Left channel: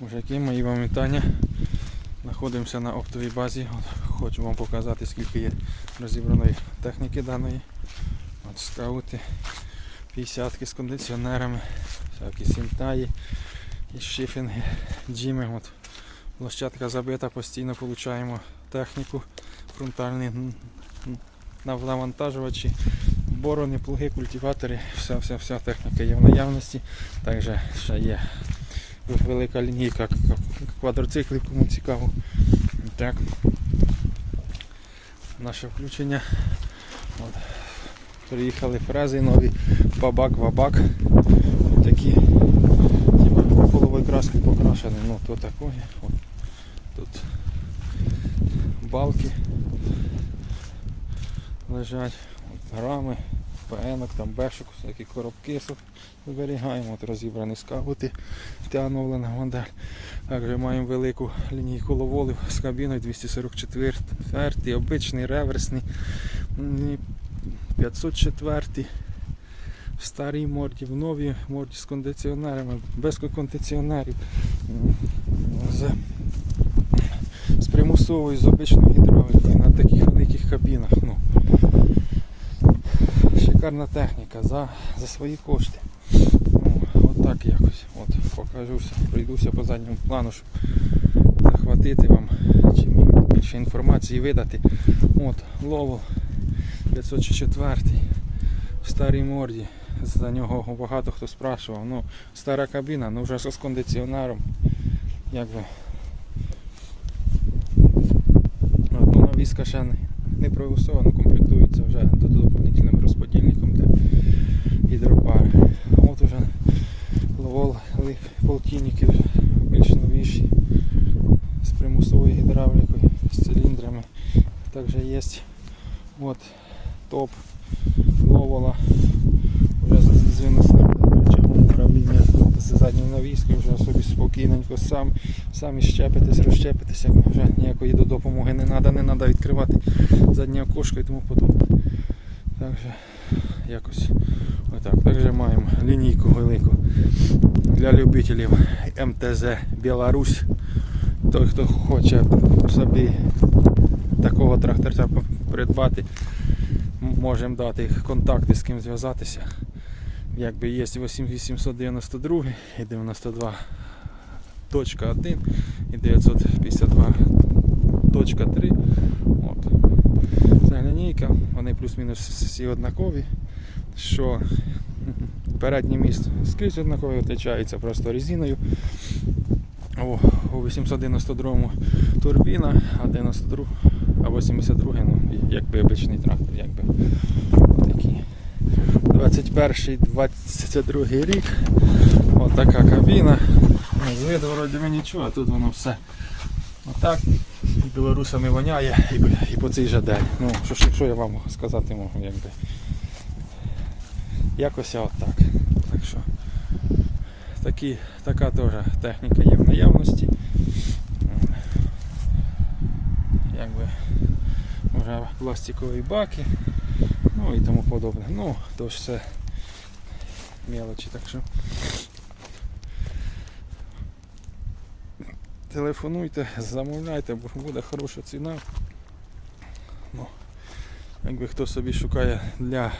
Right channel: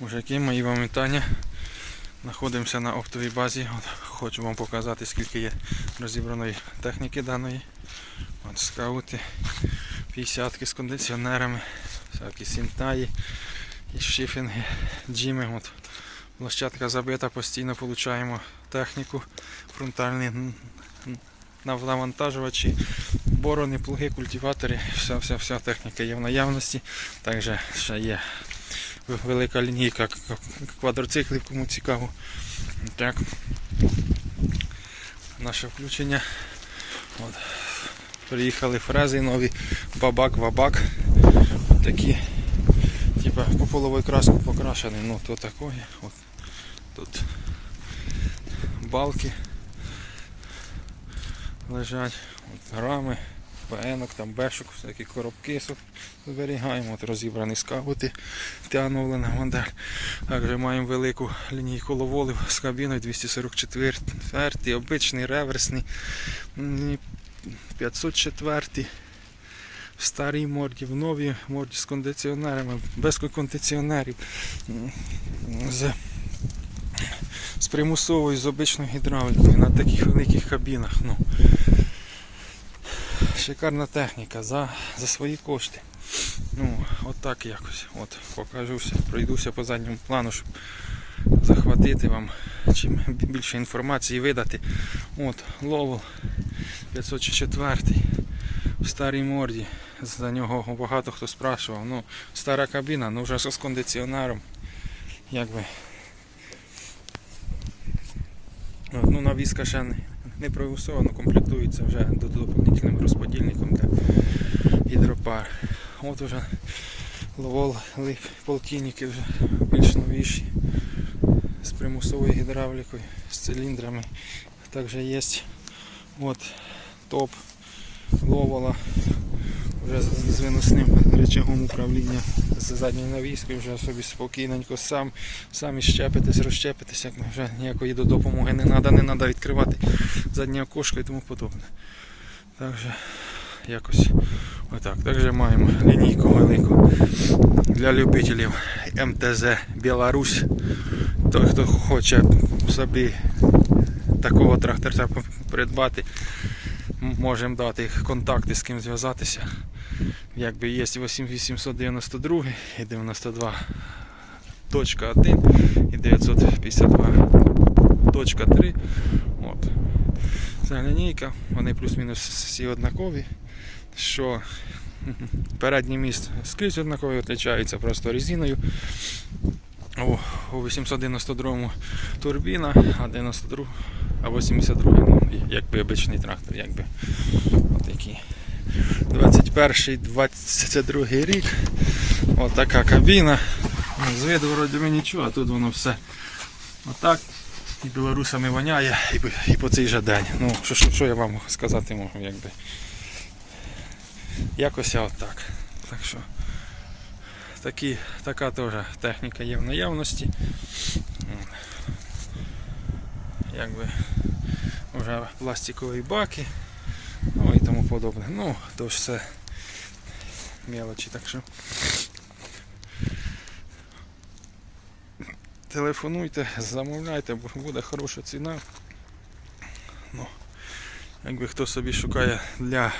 Мужики, мої вам вітання. Знаходимося на оптовій базі. От, хочу вам показати, скільки є розібраної техніки даної. От скаути, 50 з кондиціонерами, всякі сінтаї і шифінги, джими. От. Площадка забита, постійно отримуємо техніку, фронтальні навантажувачі, борони, плуги, культиватори, вся, вся, вся техніка є в наявності. Також ще є велика лінійка квадроциклів, кому цікаво. Так. Наше включення. От. Приїхали фрези нові, бабак, вабак. От такі, типа куполовою краскою покрашений, ну то такої. От. Тут балки лежать, от рами, ПНок, там бешок, всякі коробки зберігаємо, от розібрані скаути, тягнулена модель. Також маємо велику лінійку ловолів з кабіною 244, обичний, реверсний, 504, в старій морді, в новій морді з кондиціонерами, без кондиціонерів, з, з примусовою, з обичною гідравлікою на таких великих кабінах. Ну, шикарна техніка за, за свої кошти. Ну, от так якось. От, покажуся, пройдуся по задньому плану, щоб захватити вам чим більше інформації видати. От, Ловел 504 в старій морді. За нього багато хто спрашував. Ну, стара кабіна, ну вже з кондиціонером. Якби. Ну, навіска ще не, не проусована, комплектується вже до- доповнительним розподільником для гідропари. От уже ловол полтинники вже більш новіші з примусовою гідравлікою, з циліндрами. Також є от топ ловола вже з, виносним рычагом управління з задньою навіскою, вже собі спокійненько сам, самі щепитесь, розщепитесь, як вже ніякої до допомоги не треба, не треба відкривати заднє окошко і тому подобне. Так якось отак. Також маємо лінійку велику для любителів МТЗ Білорусь. Той, хто хоче собі такого тракторця придбати, можемо дати контакти, з ким зв'язатися. Якби є 8892 і 92.1 і 952.3. От. Це лінійка, вони плюс-мінус всі однакові. Що передній міст скрізь однаковий, відрізняється просто резиною. О, у 892-му турбіна, а 92, а 82 ну, якби обичний трактор, якби отакий. 21-22 рік. Отака кабіна. Ну, З виду вроді би нічого, а тут воно все отак. І білорусами воняє, і, по цей же день. Ну, що, що, що я вам сказати можу, якби. Якось я отак. Так що такі, така теж техніка є в наявності. Якби вже пластикові баки, подобне. Ну, то ж все мелочі, так що. Телефонуйте, замовляйте, бо буде хороша ціна. Ну, якби хто собі шукає для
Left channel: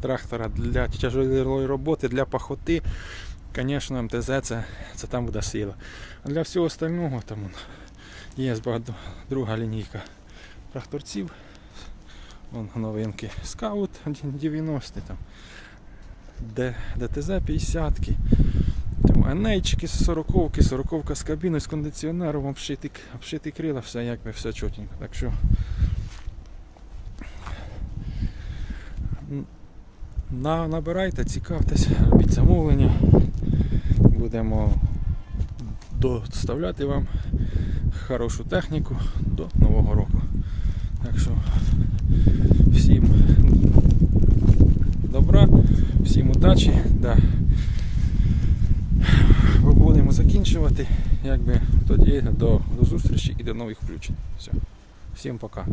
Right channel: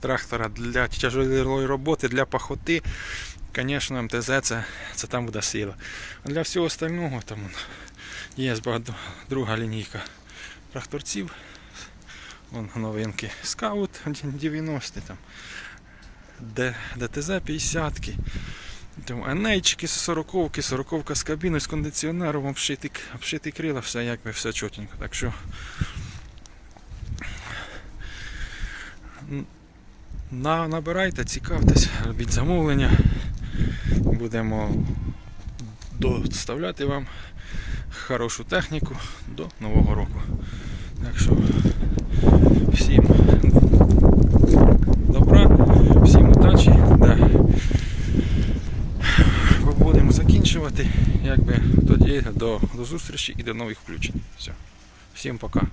трактора, для тяжелої роботи, для пахоти, звісно, МТЗ це, це там буде сила. А для всього остального там є друга лінійка тракторців. Вон новинки. Скаут 90 там. ДТЗ 50 там Енейчики 40 40 з кабіною, з кондиціонером, обшитий, обшитий крила, все якби все чотенько. Так що на, набирайте, цікавтесь, робіть замовлення. Будемо доставляти вам хорошу техніку до Нового року. Так що всім добра, всім удачі. Да. Будемо закінчувати. Якби тоді до, до зустрічі і до нових включень. Все. Всім пока.